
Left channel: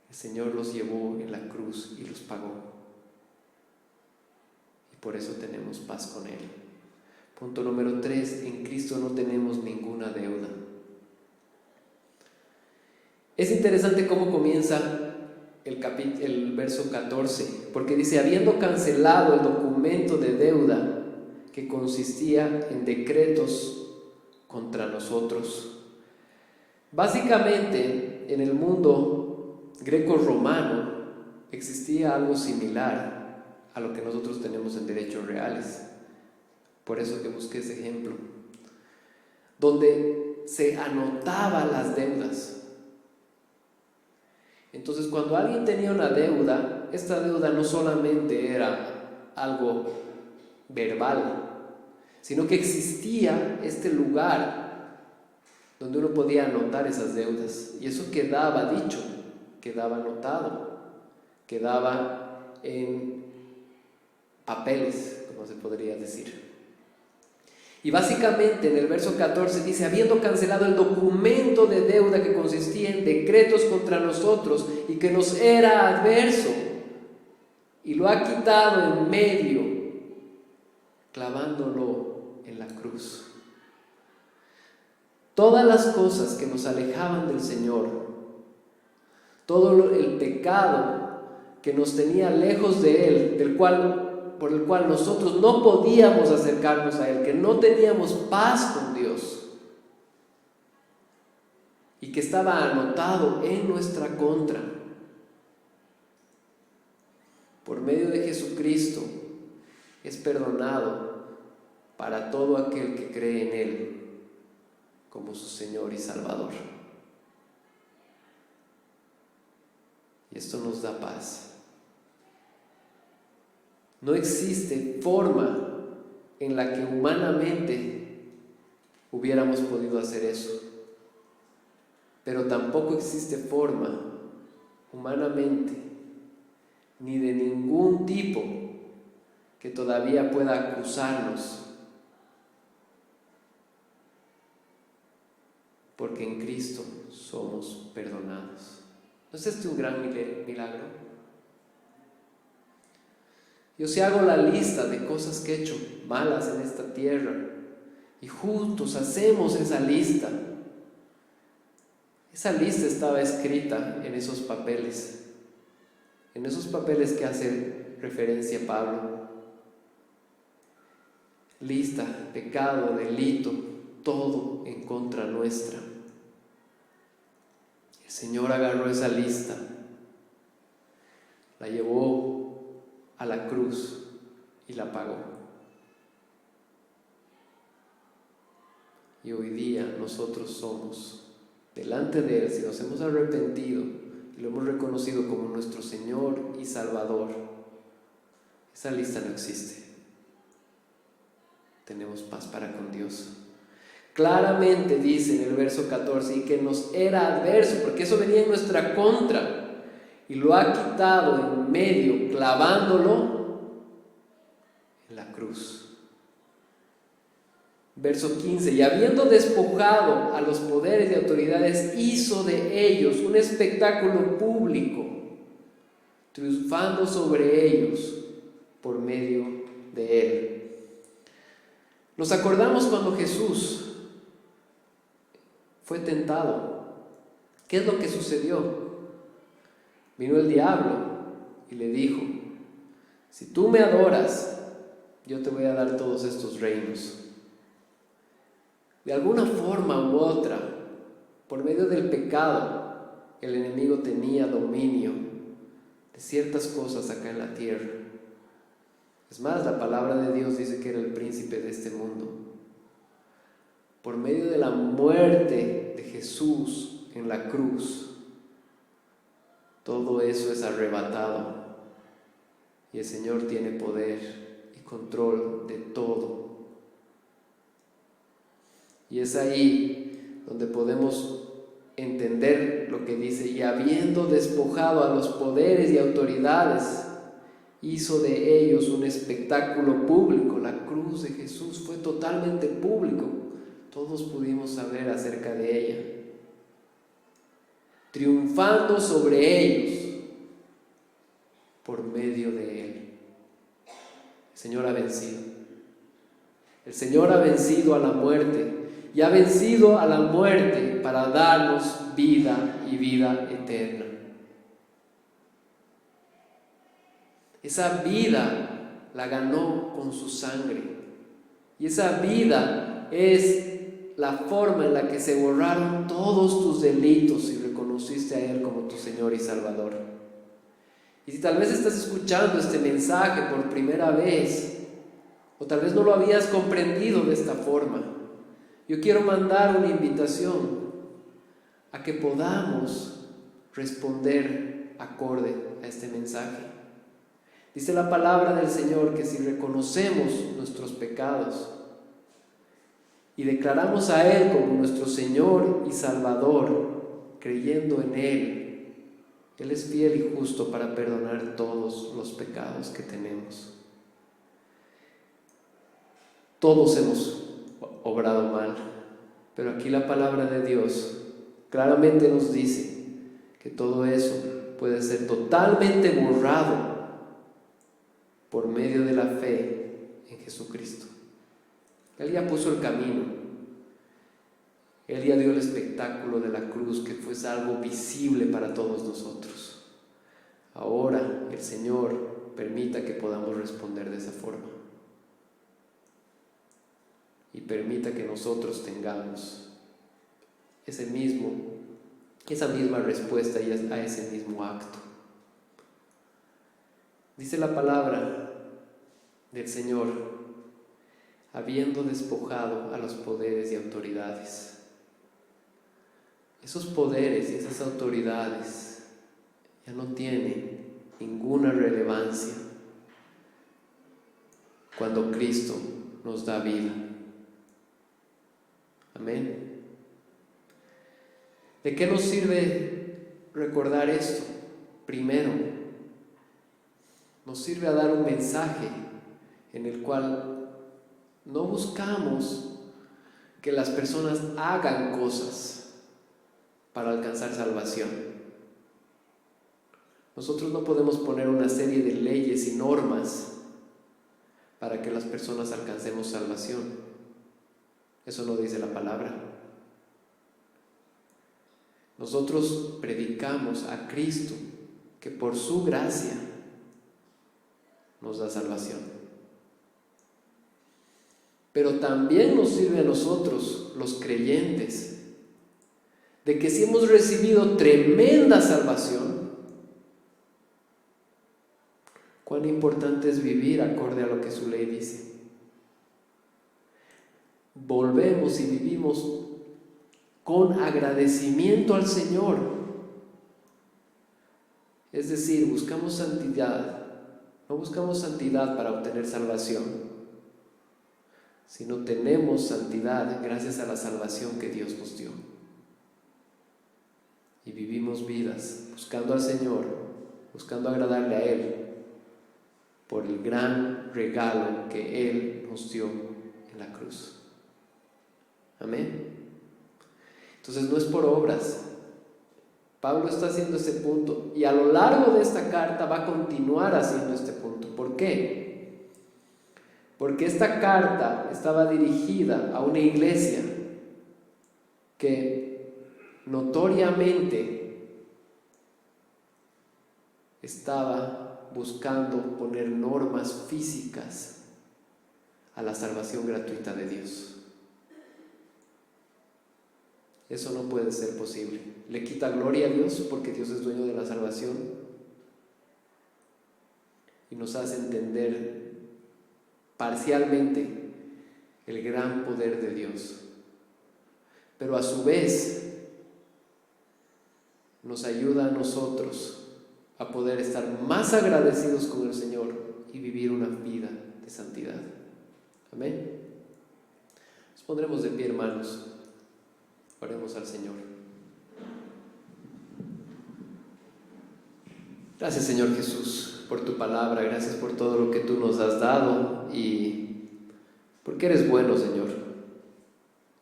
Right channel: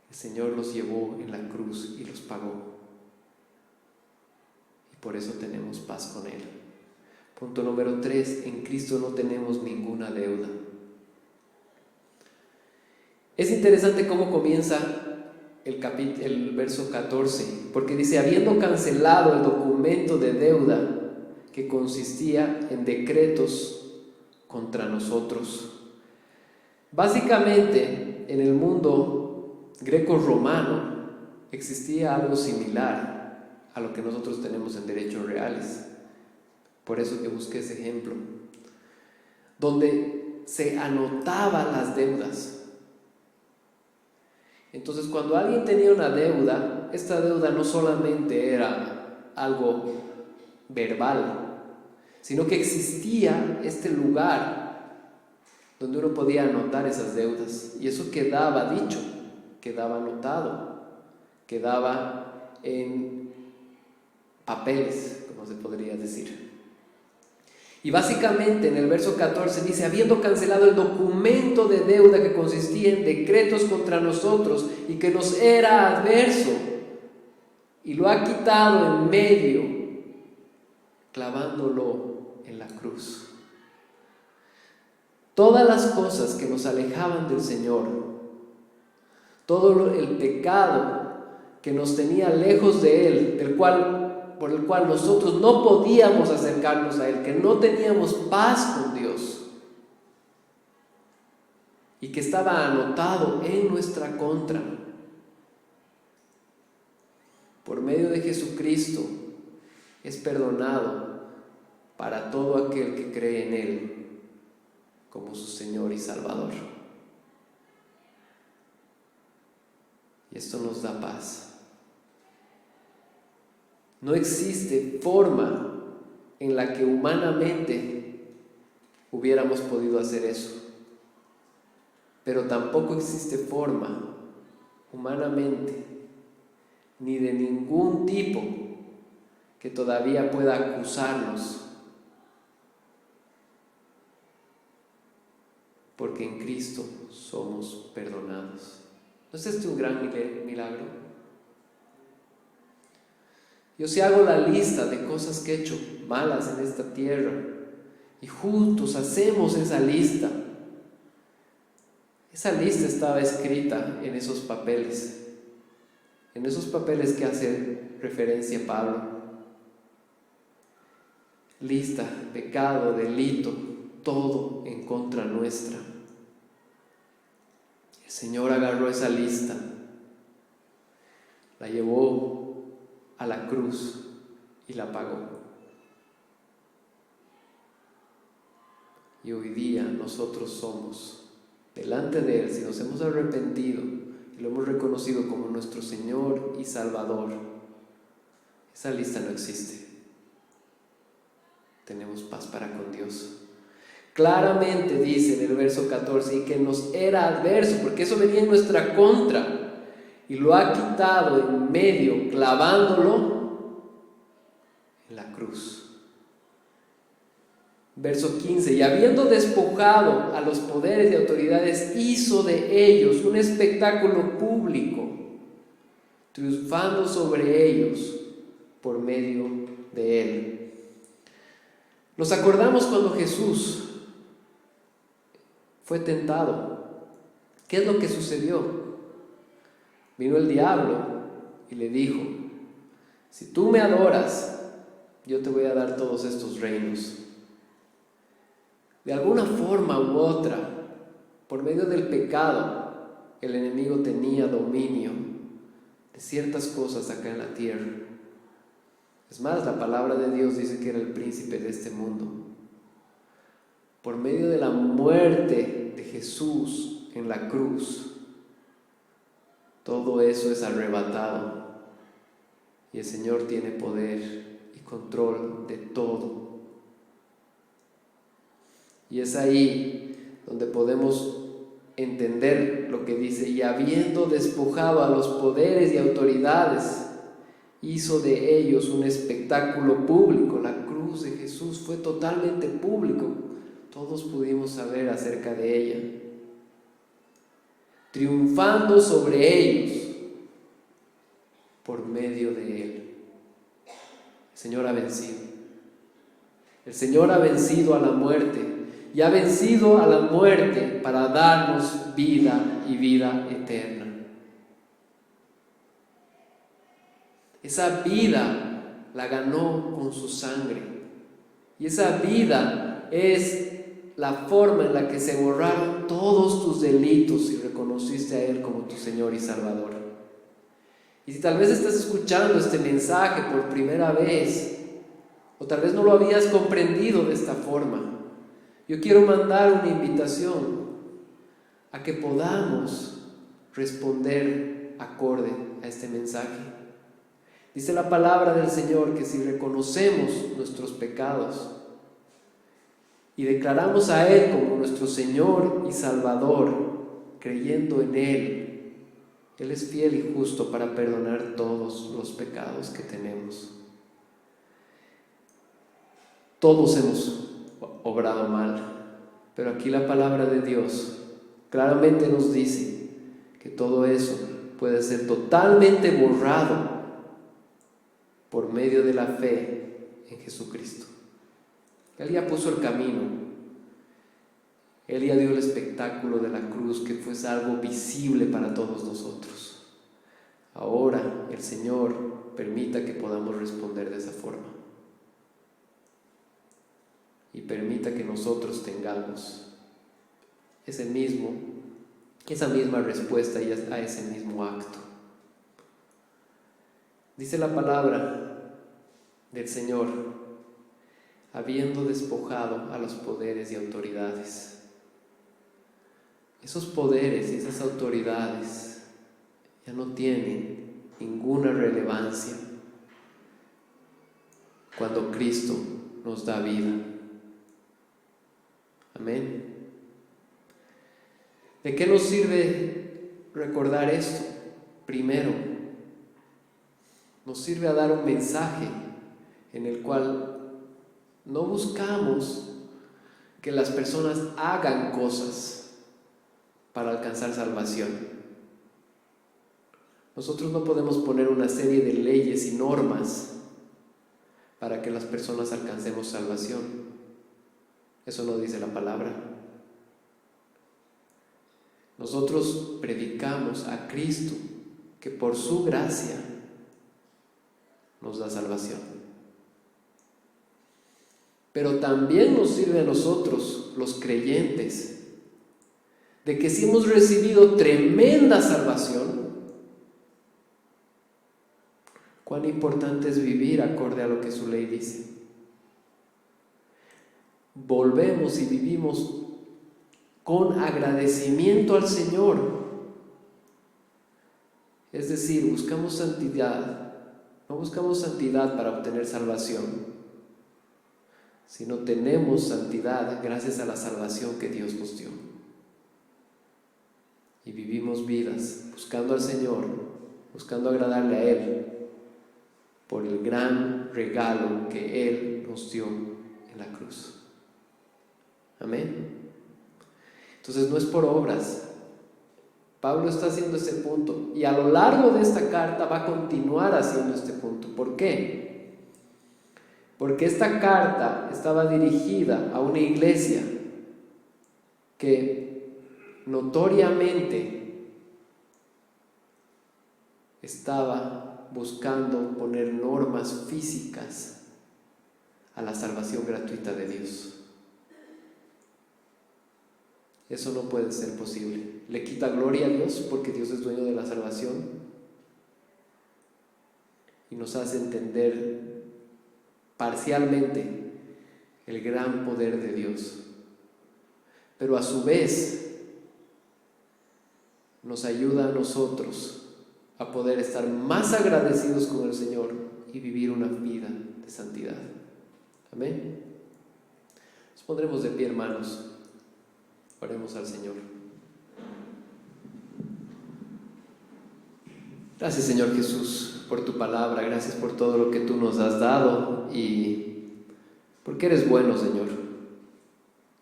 el Señor los llevó en la cruz y los pagó. Y por eso tenemos paz con Él. Punto número 3, en Cristo no tenemos ninguna deuda. Es interesante cómo comienza el verso 14, porque dice: habiendo cancelado el documento de deuda que consistía en decretos contra nosotros. Básicamente, en el mundo greco-romano existía algo similar a lo que nosotros tenemos en derechos reales. Por eso que busqué ese ejemplo. donde se anotaban las deudas. Entonces, cuando alguien tenía una deuda, esta deuda no solamente era algo verbal, sino que existía este lugar donde uno podía anotar esas deudas, y eso quedaba dicho, quedaba anotado, quedaba en papeles, como se podría decir. Y básicamente en el verso 14 dice: habiendo cancelado el documento de deuda que consistía en decretos contra nosotros y que nos era adverso, y lo ha quitado en medio, clavándolo en la cruz. Todas las cosas que nos alejaban del Señor, todo el pecado que nos tenía lejos de Él, por el cual nosotros no podíamos acercarnos a Él, que no teníamos paz con Dios y que estaba anotado en nuestra contra, por medio de Jesucristo es perdonado para todo aquel que cree en Él como su Señor y Salvador. Y esto nos da paz. No existe forma en la que humanamente hubiéramos podido hacer eso, pero tampoco existe forma humanamente ni de ningún tipo que todavía pueda acusarnos, porque en Cristo somos perdonados. ¿No es este un gran milagro? Yo si hago la lista de cosas que he hecho malas en esta tierra y juntos hacemos esa lista estaba escrita en esos papeles que hace referencia Pablo. Lista, pecado, delito, todo en contra nuestra. El Señor agarró esa lista, la llevó a la cruz y la pagó. Y hoy día nosotros somos, delante de Él, si nos hemos arrepentido y lo hemos reconocido como nuestro Señor y Salvador, esa lista no existe. Tenemos paz para con Dios. Claramente dice en el verso 14, y que nos era adverso, porque eso venía en nuestra contra, y lo ha quitado en medio, clavándolo en la cruz. Verso 15, y habiendo despojado a los poderes y autoridades, hizo de ellos un espectáculo público, triunfando sobre ellos por medio de Él. Nos acordamos cuando Jesús fue tentado. ¿Qué es lo que sucedió? Vino el diablo y le dijo: si tú me adoras, yo te voy a dar todos estos reinos. De alguna forma u otra, por medio del pecado, el enemigo tenía dominio de ciertas cosas acá en la tierra. Es más, la palabra de Dios dice que era el príncipe de este mundo. Por medio de la muerte de Jesús en la cruz, todo eso es arrebatado y el Señor tiene poder y control de todo. Y es ahí donde podemos entender lo que dice: y habiendo despojado a los poderes y autoridades, hizo de ellos un espectáculo público. La cruz de Jesús fue totalmente público, todos pudimos saber acerca de ella, triunfando sobre ellos por medio de Él. El Señor ha vencido. El Señor ha vencido a la muerte y ha vencido a la muerte para darnos vida y vida eterna. Esa vida la ganó con su sangre, y esa vida es la forma en la que se borraron todos tus delitos y reconociste a Él como tu Señor y Salvador. Y si tal vez estás escuchando este mensaje por primera vez, o tal vez no lo habías comprendido de esta forma, yo quiero mandar una invitación a que podamos responder acorde a este mensaje. Dice la palabra del Señor que si reconocemos nuestros pecados y declaramos a Él como nuestro Señor y Salvador, creyendo en Él, Él es fiel y justo para perdonar todos los pecados que tenemos. Todos hemos obrado mal, pero aquí la palabra de Dios claramente nos dice que todo eso puede ser totalmente borrado por medio de la fe en Jesucristo. Él ya puso el camino. Él ya dio el espectáculo de la cruz, que fue algo visible para todos nosotros. Ahora el Señor permita que podamos responder de esa forma. Y permita que nosotros tengamos esa misma respuesta y a ese mismo acto. Dice la palabra del Señor, habiendo despojado a los poderes y autoridades. Esos poderes y esas autoridades ya no tienen ninguna relevancia cuando Cristo nos da vida. Amén. ¿De qué nos sirve recordar esto? Primero, nos sirve a dar un mensaje en el cual no buscamos que las personas hagan cosas para alcanzar salvación. Nosotros no podemos poner una serie de leyes y normas para que las personas alcancemos salvación. Eso no dice la palabra. Nosotros predicamos a Cristo, que por su gracia nos da salvación. Pero también nos sirve a nosotros, los creyentes, de que si hemos recibido tremenda salvación, cuán importante es vivir acorde a lo que su ley dice. Volvemos y vivimos con agradecimiento al Señor. Es decir, buscamos santidad. No buscamos santidad para obtener salvación, sino tenemos santidad gracias a la salvación que Dios nos dio. Y vivimos vidas buscando al Señor, buscando agradarle a Él, por el gran regalo que Él nos dio en la cruz. Amén. Entonces no es por obras. Pablo está haciendo ese punto y a lo largo de esta carta va a continuar haciendo este punto. ¿Por qué? Porque esta carta estaba dirigida a una iglesia que notoriamente estaba buscando poner normas físicas a la salvación gratuita de Dios. Eso no puede ser posible. Le quita gloria a Dios porque Dios es dueño de la salvación y nos hace entender parcialmente el gran poder de Dios. Pero a su vez nos ayuda a nosotros a poder estar más agradecidos con el Señor y vivir una vida de santidad. Amén. Nos pondremos de pie, hermanos. Oremos al Señor. Gracias, Señor Jesús, por tu palabra. Gracias por todo lo que tú nos has dado y porque eres bueno, Señor.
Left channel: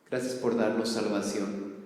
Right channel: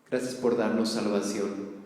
Gracias por darnos salvación.